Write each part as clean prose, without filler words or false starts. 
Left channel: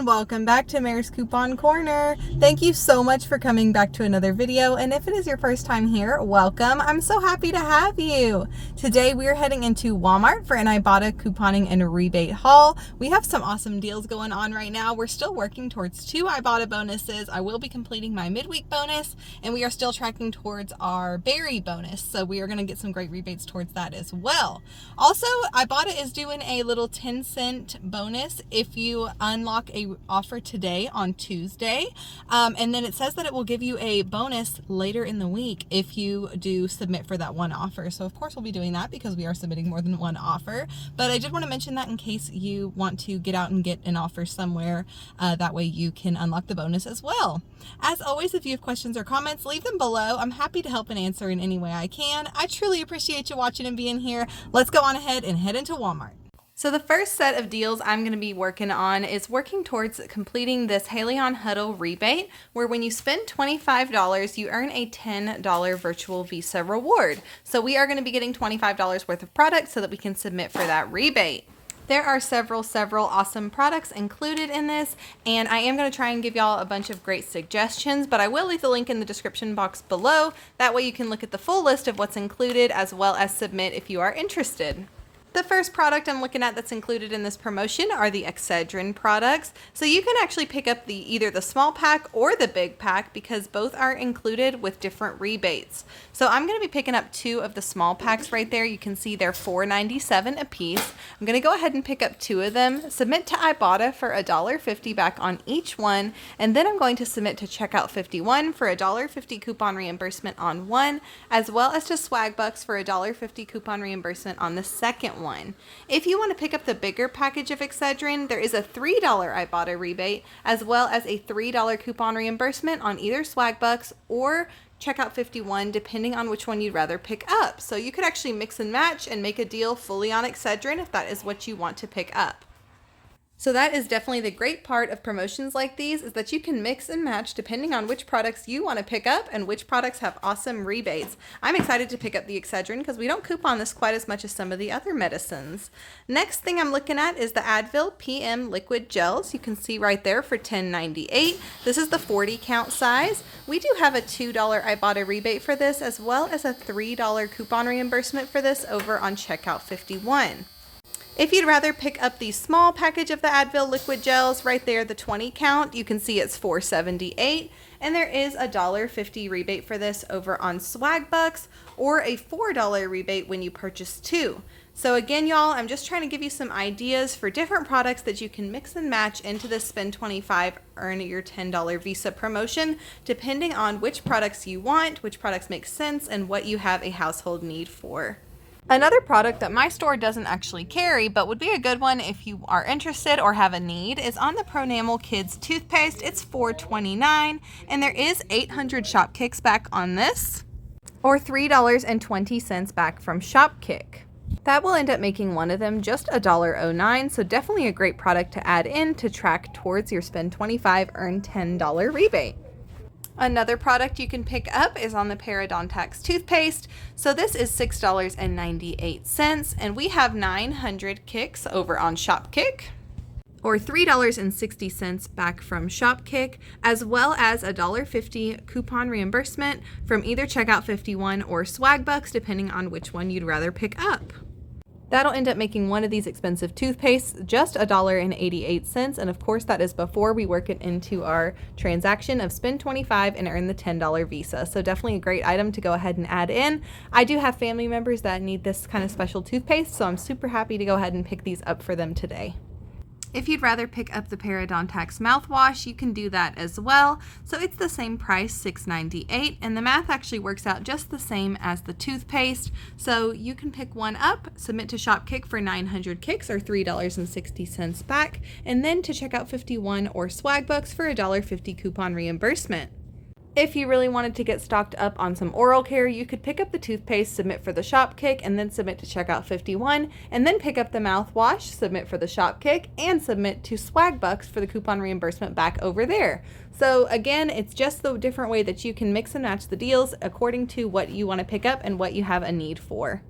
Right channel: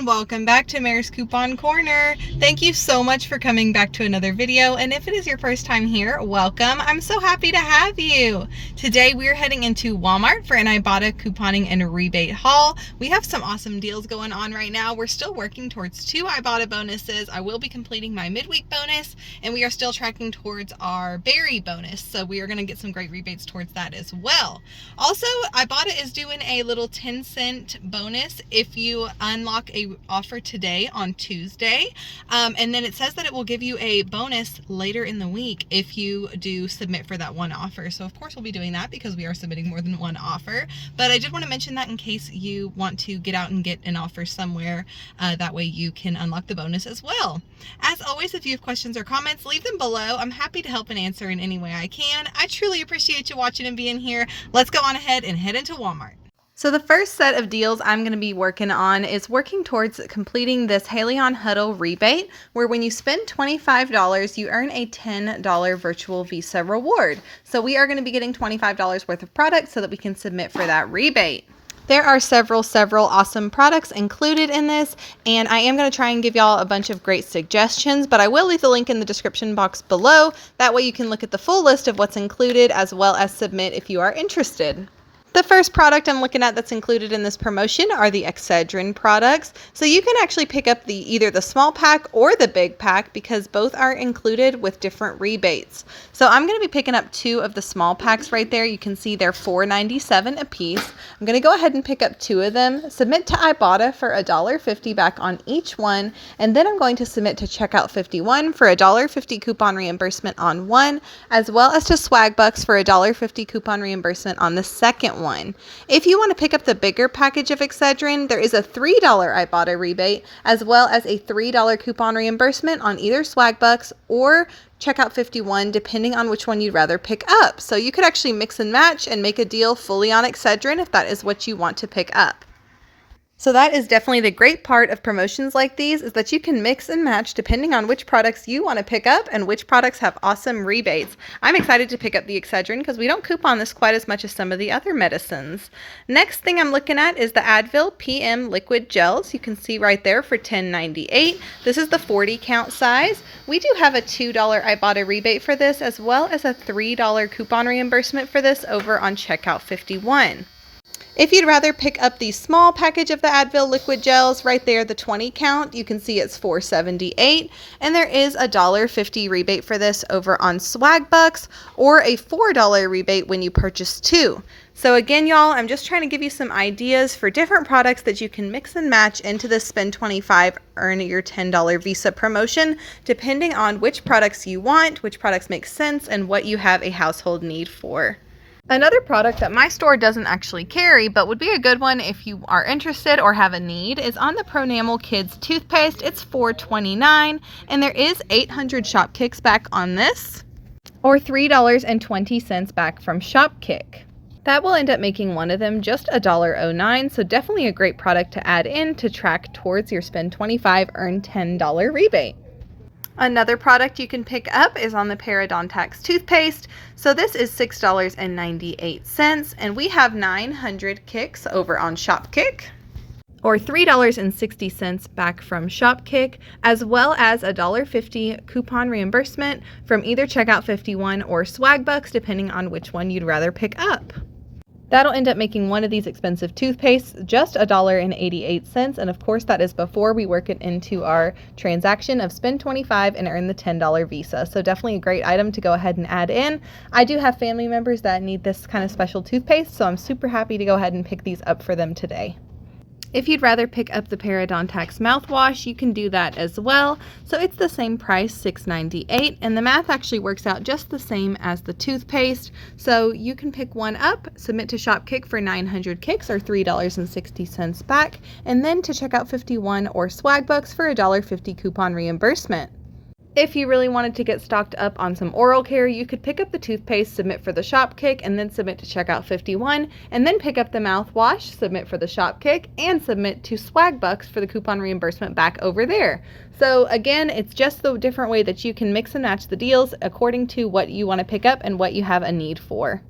everyone, welcome back to Mare's Coupon Corner. Thank you so much for coming back to another video, and if it is your first time here, welcome. I'm so happy to have you. Today we are heading into Walmart for an Ibotta couponing and rebate haul. We have some awesome deals going on right now. We're still working towards 2 Ibotta bonuses. I will be completing my midweek bonus, and we are still tracking towards our berry bonus, so we are going to get some great rebates towards that as well. Also, Ibotta is doing a little 10-cent bonus if you unlock a offer today on Tuesday, and then it says that it will give you a bonus later in the week if you do submit for that one offer. So of course we'll be doing that because we are submitting more than one offer, but I did want to mention that in case you want to get out and get an offer somewhere, that way you can unlock the bonus as well. As always, if you have questions or comments, leave them below. I'm happy to help and answer in any way I can. I truly appreciate you watching and being here. Let's go on ahead and head into Walmart. So the first set of deals I'm going to be working on is working towards completing this Haleon Huddle rebate, where when you spend $25, you earn a $10 virtual Visa reward. So we are going to be getting $25 worth of products so that we can submit for that rebate. There are several awesome products included in this, and I am going to try and give y'all a bunch of great suggestions, but I will leave the link in the description box below. That way you can look at the full list of what's included as well as submit if you are interested. The first product I'm looking at that's included in this promotion are the Excedrin products. So you can actually pick up either the small pack or the big pack because both are included with different rebates. So I'm going to be picking up 2 of the small packs right there. You can see they're $4.97 a piece. I'm going to go ahead and pick up 2 of them, submit to Ibotta for $1.50 back on each one, and then I'm going to submit to Checkout 51 for $1.50 coupon reimbursement on one, as well as to Swagbucks for $1.50 coupon reimbursement on the second one. If you want to pick up the bigger package of Excedrin, there is a $3 Ibotta rebate, as well as a $3 coupon reimbursement on either Swagbucks or Checkout 51, depending on which one you'd rather pick up. So you could actually mix and match and make a deal fully on Excedrin if that is what you want to pick up. So that is definitely the great part of promotions like these, is that you can mix and match depending on which products you want to pick up and which products have awesome rebates. I'm excited to pick up the Excedrin because we don't coupon this quite as much as some of the other medicines. Next thing I'm looking at is the Advil PM liquid gels. You can see right there for $10.98. This is the 40 count size. We do have a $2 Ibotta rebate for this, as well as a $3 coupon reimbursement for this over on Checkout 51. If you'd rather pick up the small package of the Advil liquid gels, right there, the 20 count, you can see it's $4.78, and there is a $1.50 rebate for this over on Swagbucks, or a $4 rebate when you purchase 2. So again, y'all, I'm just trying to give you some ideas for different products that you can mix and match into the spend $25, earn your $10 Visa promotion, depending on which products you want, which products make sense, and what you have a household need for. Another product that my store doesn't actually carry, but would be a good one if you are interested or have a need, is on the Pronamel Kids toothpaste. It's $4.29, and there is 800 Shopkicks back on this, or $3.20 back from Shopkick. That will end up making one of them just $1.09, so definitely a great product to add in to track towards your spend $25, earn $10 rebate. Another product you can pick up is on the Parodontax toothpaste. So this is $6.98, and we have 900 kicks over on Shopkick, or $3.60 back from Shopkick, as well as a $1.50 coupon reimbursement from either Checkout 51 or Swagbucks, depending on which one you'd rather pick up. That'll end up making one of these expensive toothpastes just $1.88, and of course that is before we work it into our transaction of spend $25 and earn the $10 Visa. So definitely a great item to go ahead and add in. I do have family members that need this kind of special toothpaste, so I'm super happy to go ahead and pick these up for them today. If you'd rather pick up the Parodontax mouthwash, you can do that as well. So it's the same price, $6.98, and the math actually works out just the same as the toothpaste. So you can pick one up, submit to Shopkick for 900 kicks or $3.60 back, and then to Checkout 51 or Swagbucks for a $1.50 coupon reimbursement. If you really wanted to get stocked up on some oral care, you could pick up the toothpaste, submit for the Shopkick, and then submit to Checkout 51, and then pick up the mouthwash, submit for the Shopkick, and submit to Swagbucks for the coupon reimbursement back over there. So again, it's just the different way that you can mix and match the deals according to what you want to pick up and what you have a need for.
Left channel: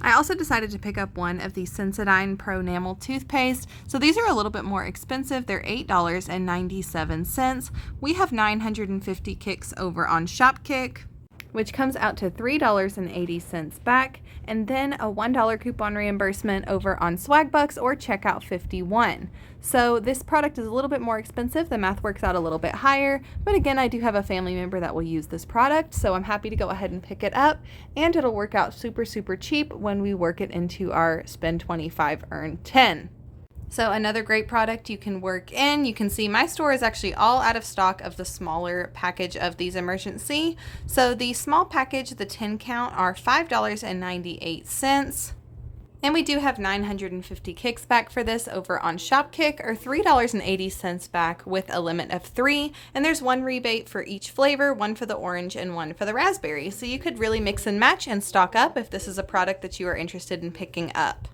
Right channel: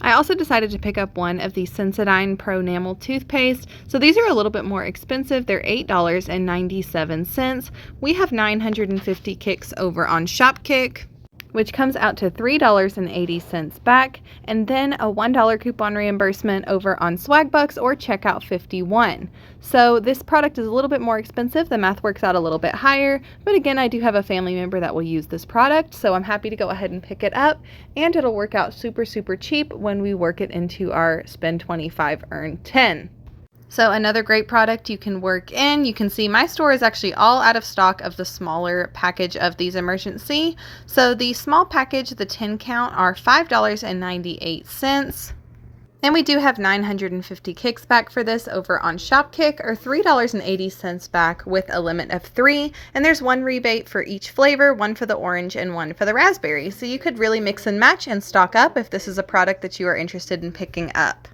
I also decided to pick up one of the Sensodyne Pro Enamel toothpaste. So these are a little bit more expensive. They're $8.97. We have 950 kicks over on Shopkick, which comes out to $3.80 back, and then a $1 coupon reimbursement over on Swagbucks or Checkout 51. So this product is a little bit more expensive. The math works out a little bit higher, but again, I do have a family member that will use this product, so I'm happy to go ahead and pick it up, and it'll work out super, super cheap when we work it into our spend 25, earn 10. So another great product you can work in. You can see my store is actually all out of stock of the smaller package of these Emergency. So the small package, the 10 count, are $5.98. And we do have 950 kicks back for this over on Shopkick, or $3.80 back with a limit of 3. And there's one rebate for each flavor, one for the orange and one for the raspberry. So you could really mix and match and stock up if this is a product that you are interested in picking up.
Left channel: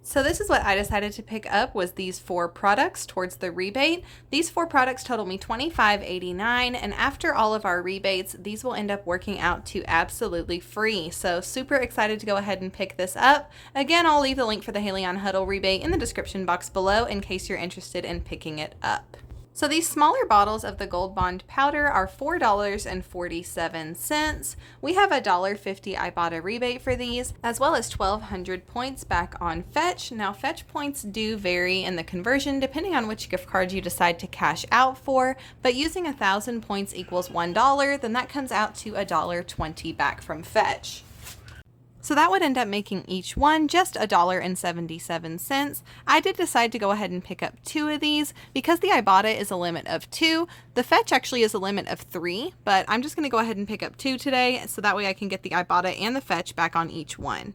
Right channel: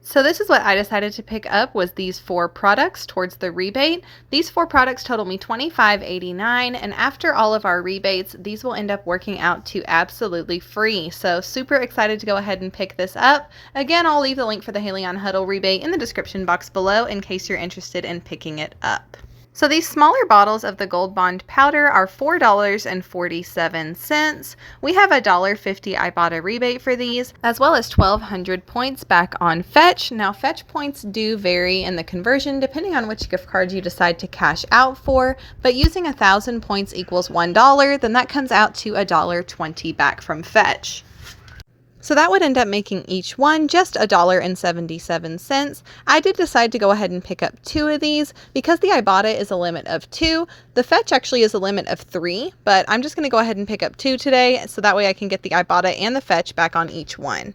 So this is what I decided to pick up, was these 4 products towards the rebate. These 4 products total me $25.89, and after all of our rebates, these will end up working out to absolutely free. So super excited to go ahead and pick this up. Again, I'll leave the link for the Haleon Huddle rebate in the description box below in case you're interested in picking it up. So these smaller bottles of the Gold Bond powder are $4.47. We have a $1.50 Ibotta rebate for these, as well as 1,200 points back on Fetch. Now Fetch points do vary in the conversion depending on which gift card you decide to cash out for, but using 1,000 points equals $1, then that comes out to $1.20 back from Fetch. So that would end up making each one just $1.77. I did decide to go ahead and pick up 2 of these because the Ibotta is a limit of 2. The Fetch actually is a limit of 3, but I'm just going to go ahead and pick up 2 today, so that way I can get the Ibotta and the Fetch back on each one.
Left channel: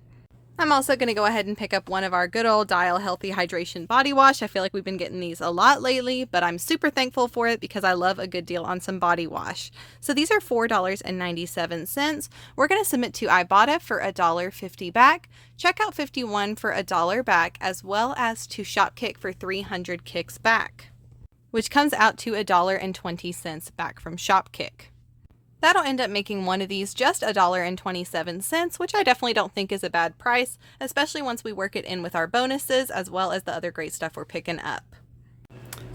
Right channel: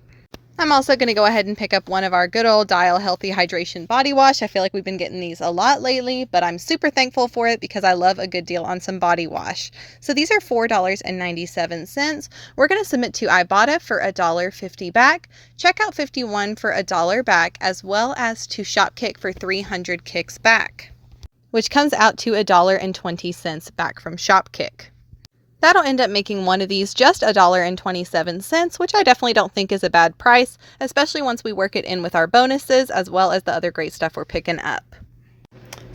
I'm also going to go ahead and pick up one of our good old Dial Healthy Hydration Body Wash. I feel like we've been getting these a lot lately, but I'm super thankful for it because I love a good deal on some body wash. So these are $4.97. We're going to submit to Ibotta for $1.50 back, Checkout 51 for $1 back, as well as to Shopkick for 300 kicks back, which comes out to $1.20 back from Shopkick. That'll end up making one of these just $1.27, which I definitely don't think is a bad price, especially once we work it in with our bonuses as well as the other great stuff we're picking up.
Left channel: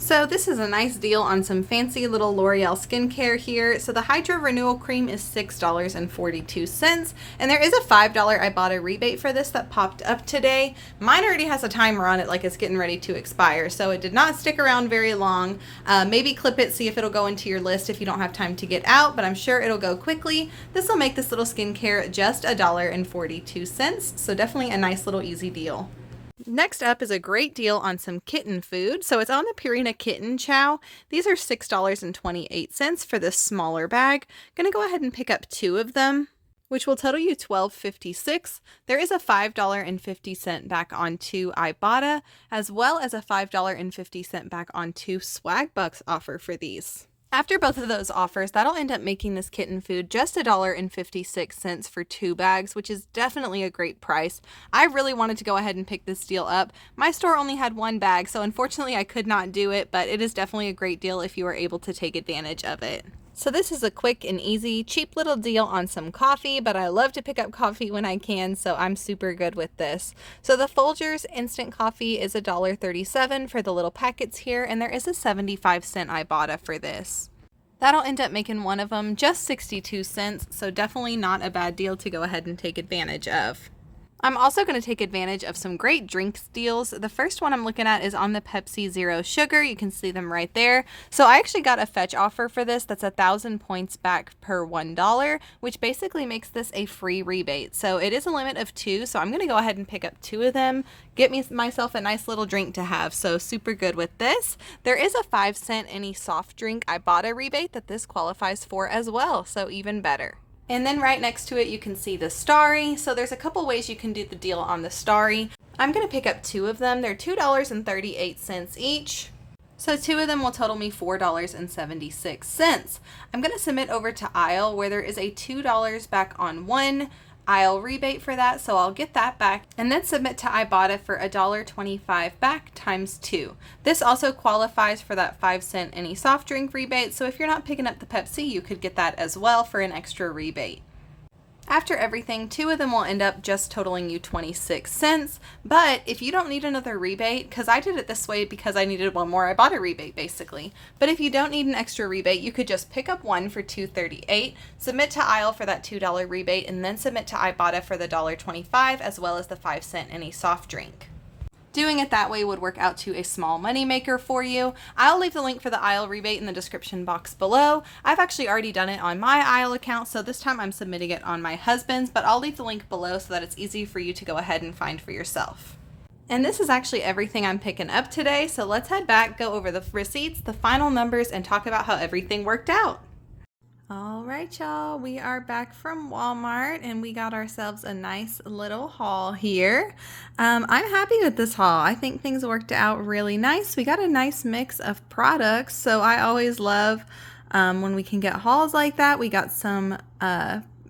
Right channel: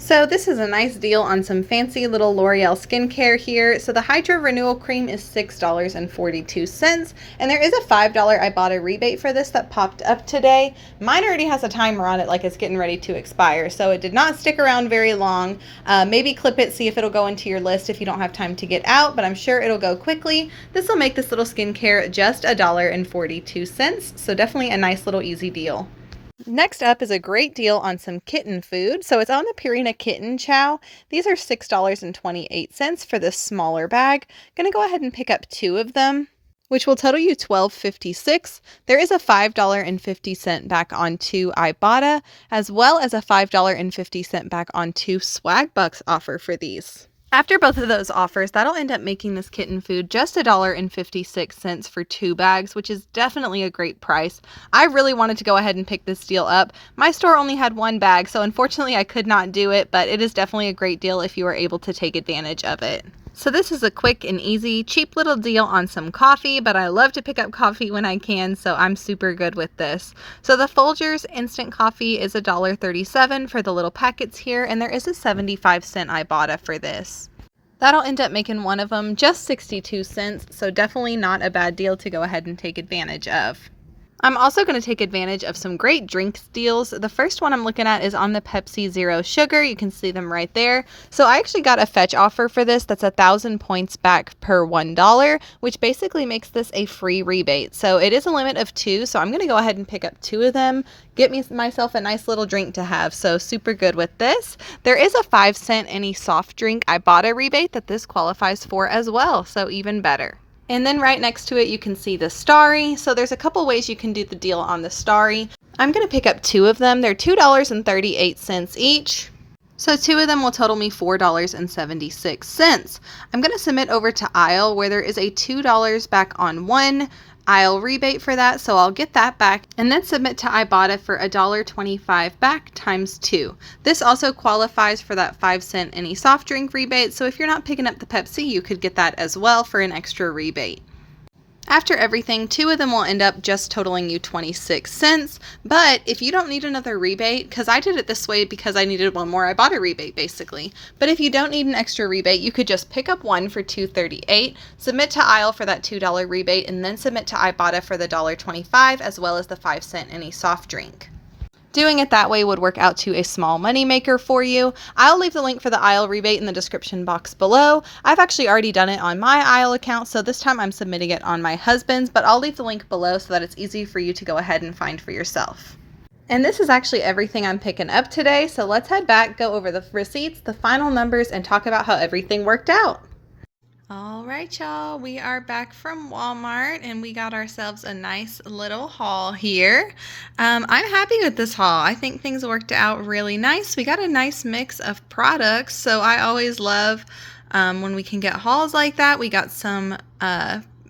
So this is a nice deal on some fancy little L'Oreal skincare here. So the Hydra Renewal Cream is $6.42, and there is a $5 Ibotta rebate for this that popped up today. Mine already has a timer on it, like it's getting ready to expire, so it did not stick around very long. Maybe clip it, see if it'll go into your list if you don't have time to get out, but I'm sure it'll go quickly. This will make this little skincare just $1.42, so definitely a nice little easy deal. Next up is a great deal on some kitten food. So it's on the Purina Kitten Chow. These are $6.28 for this smaller bag. Gonna go ahead and pick up 2 of them, which will total you $12.56. There is a $5.50 back on 2 Ibotta, as well as a $5.50 back on 2 Swagbucks offer for these. After both of those offers, that'll end up making this kitten food just $1.56 for 2 bags, which is definitely a great price. I really wanted to go ahead and pick this deal up. My store only had 1 bag, so unfortunately I could not do it, but it is definitely a great deal if you are able to take advantage of it. So this is a quick and easy, cheap little deal on some coffee, but I love to pick up coffee when I can, so I'm super good with this. So the Folgers instant coffee is $1.37 for the little packets here, and there is a 75-cent Ibotta for this. That'll end up making one of them just 62 cents, so definitely not a bad deal to go ahead and take advantage of. I'm also going to take advantage of some great drinks deals. The first one I'm looking at is on the Pepsi Zero Sugar. You can see them right there. So I actually got a Fetch offer for this that's 1,000 points back per $1, which basically makes this a free rebate. So it is a limit of 2, so I'm going to go ahead and pick up 2 of them, get myself a nice little drink to have. So super good with this. There is a 5-cent any soft drink Ibotta rebate that this qualifies for as well, so even better. And then right next to it, you can see the Starry. So there's a couple ways you can do the deal on the Starry. I'm going to pick up 2 of them. They're $2.38 each. So 2 of them will total me $4.76. I'm going to submit over to Aisle, where there is a $2 back on 1 Aisle rebate for that, so I'll get that back and then submit to Ibotta for $1.25 back times 2. This also qualifies for that 5-cent any soft drink rebate, so if you're not picking up the Pepsi, you could get that as well for an extra rebate. After everything, 2 of them will end up just totaling you 26 cents. But if you don't need another rebate, because I did it this way because I needed one more, I bought a rebate basically. But if you don't need an extra rebate, you could just pick up one for $2.38, submit to aisle for that $2 rebate, and then submit to Ibotta for the $1.25, as well as the 5-cent any soft drink. Doing it that way would work out to a small money maker for you. I'll leave the link for the aisle rebate in the description box below. I've actually already done it on my aisle account, so this time I'm submitting it on my husband's, but I'll leave the link below so that it's easy for you to go ahead and find for yourself. And this is actually everything I'm picking up today, so let's head back, go over the receipts, the final numbers, and talk about how everything worked out. All right, y'all, we are back from Walmart and we got ourselves a nice little haul here. I'm happy with this haul. I think things worked out really nice. We got a nice mix of products, so I always love when we can get hauls like that. We got some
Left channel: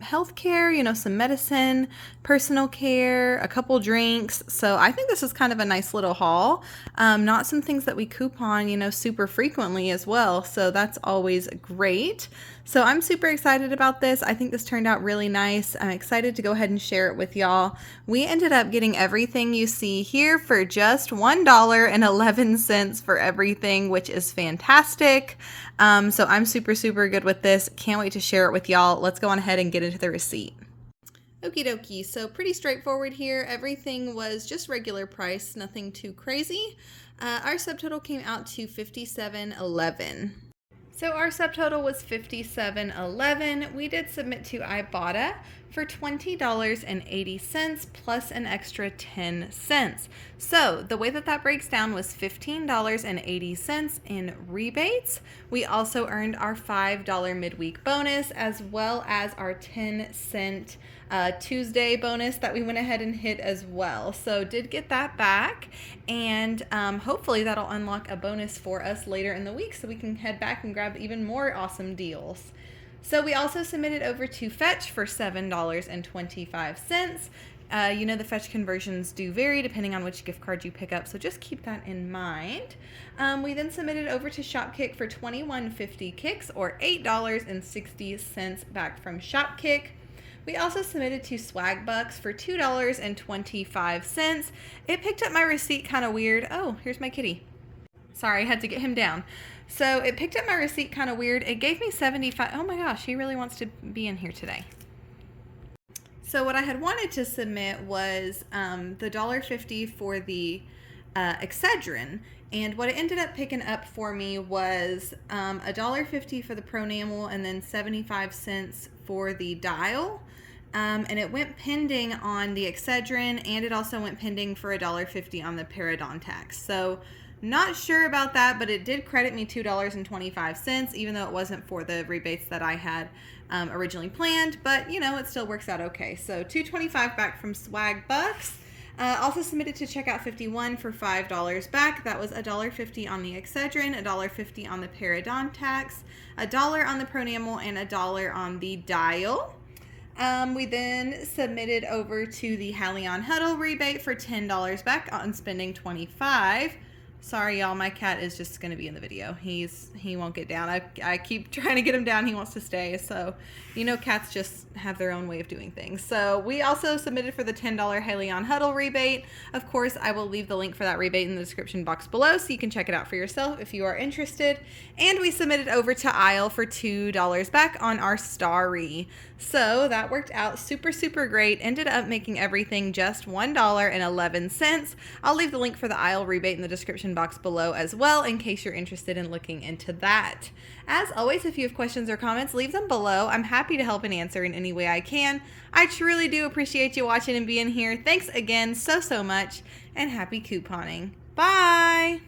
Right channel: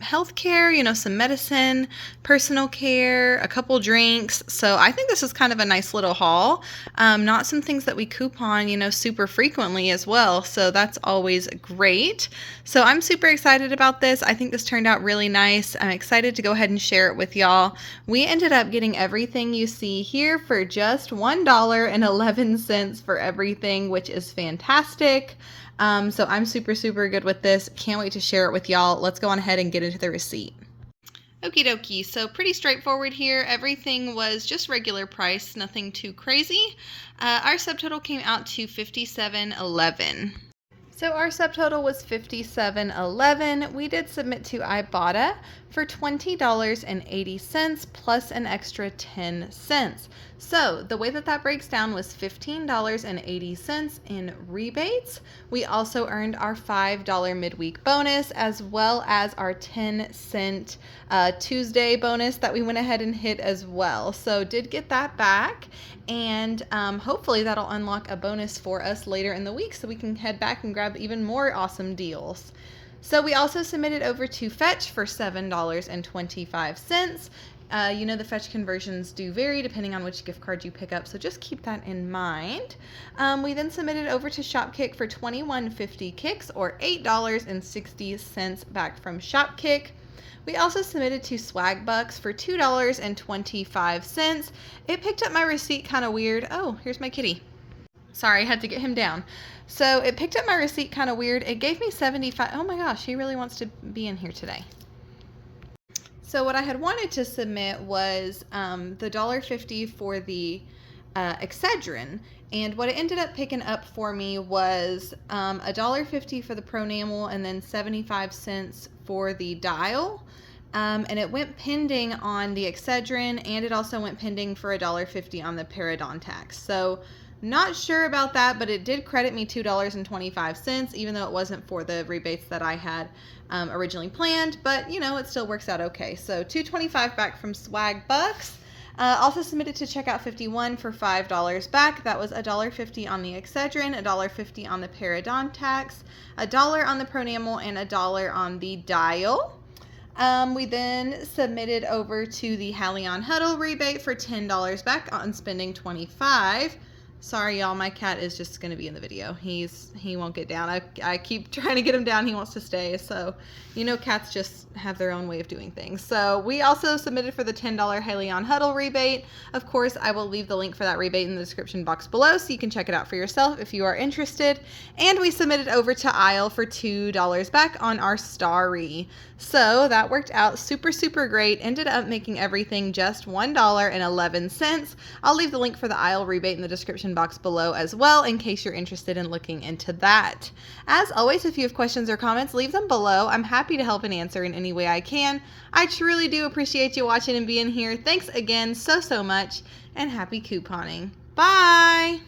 healthcare, you know, some medicine, personal care, a couple drinks. So I think this is kind of a nice little haul. Not some things that we coupon, you know, super frequently as well. So that's always great. So I'm super excited about this. I think this turned out really nice. I'm excited to go ahead and share it with y'all. We ended up getting everything you see here for just $1.11 for everything, which is fantastic. So I'm super good with this. Can't wait to share it with y'all. Let's go on ahead and get into the receipt. Okie dokie, so pretty straightforward here. Everything was just regular price, nothing too crazy. Our subtotal came out to $57.11. So our subtotal was $57.11. We did submit to Ibotta for $20.80 plus an extra 10 cents. So the way that that breaks down was $15.80 in rebates. We also earned our $5 midweek bonus, as well as our 10-cent Tuesday bonus that we went ahead and hit as well. So did get that back, and hopefully that'll unlock a bonus for us later in the week so we can head back and grab even more awesome deals. So we also submitted over to Fetch for $7.25. You know, the Fetch conversions do vary depending on which gift card you pick up, so just keep that in mind. We then submitted over to Shopkick for 21.50 kicks, or $8.60 back from Shopkick. We also submitted to Swag Bucks for $2.25. It picked up my receipt kind of weird. Oh, here's my kitty. Sorry, I had to get him down. So it picked up my receipt kind of weird. It gave me 75. Oh my gosh, he really wants to be in here today. So what I had wanted to submit was the $1.50 for the Excedrin, and what it ended up picking up for me was $1.50 for the Pronamel and then 75 cents for the Dial. And it went pending on the Excedrin, and it also went pending for $1.50 on the Parodontax. So not sure about that, but it did credit me $2.25, even though it wasn't for the rebates that I had originally planned. But, you know, it still works out okay. So $2.25 back from Swag Bucks. Also submitted to Checkout 51 for $5 back. That was $1.50 on the Excedrin, $1.50 on the Parodontax, $1 on the Pronamel, and $1 on the Dial. We then submitted over to the Haleon Huddle rebate for $10 back on spending $25. Sorry, y'all, my cat is just going to be in the video. He won't get down. I keep trying to get him down. He wants to stay. So, you know, cats just have their own way of doing things. So we also submitted for the $10 Haleon Huddle rebate. Of course, I will leave the link for that rebate in the description box below so you can check it out for yourself if you are interested. And we submitted over to Aisle for $2 back on our Starry. So that worked out super great. Ended up making everything just $1.11. I'll leave the link for the Aisle rebate in the description box below as well in case you're interested in looking into that. As always, if you have questions or comments, leave them below. I'm happy to help and answer in any way I can. I truly do appreciate you watching and being here. Thanks again so much, and happy couponing. Bye!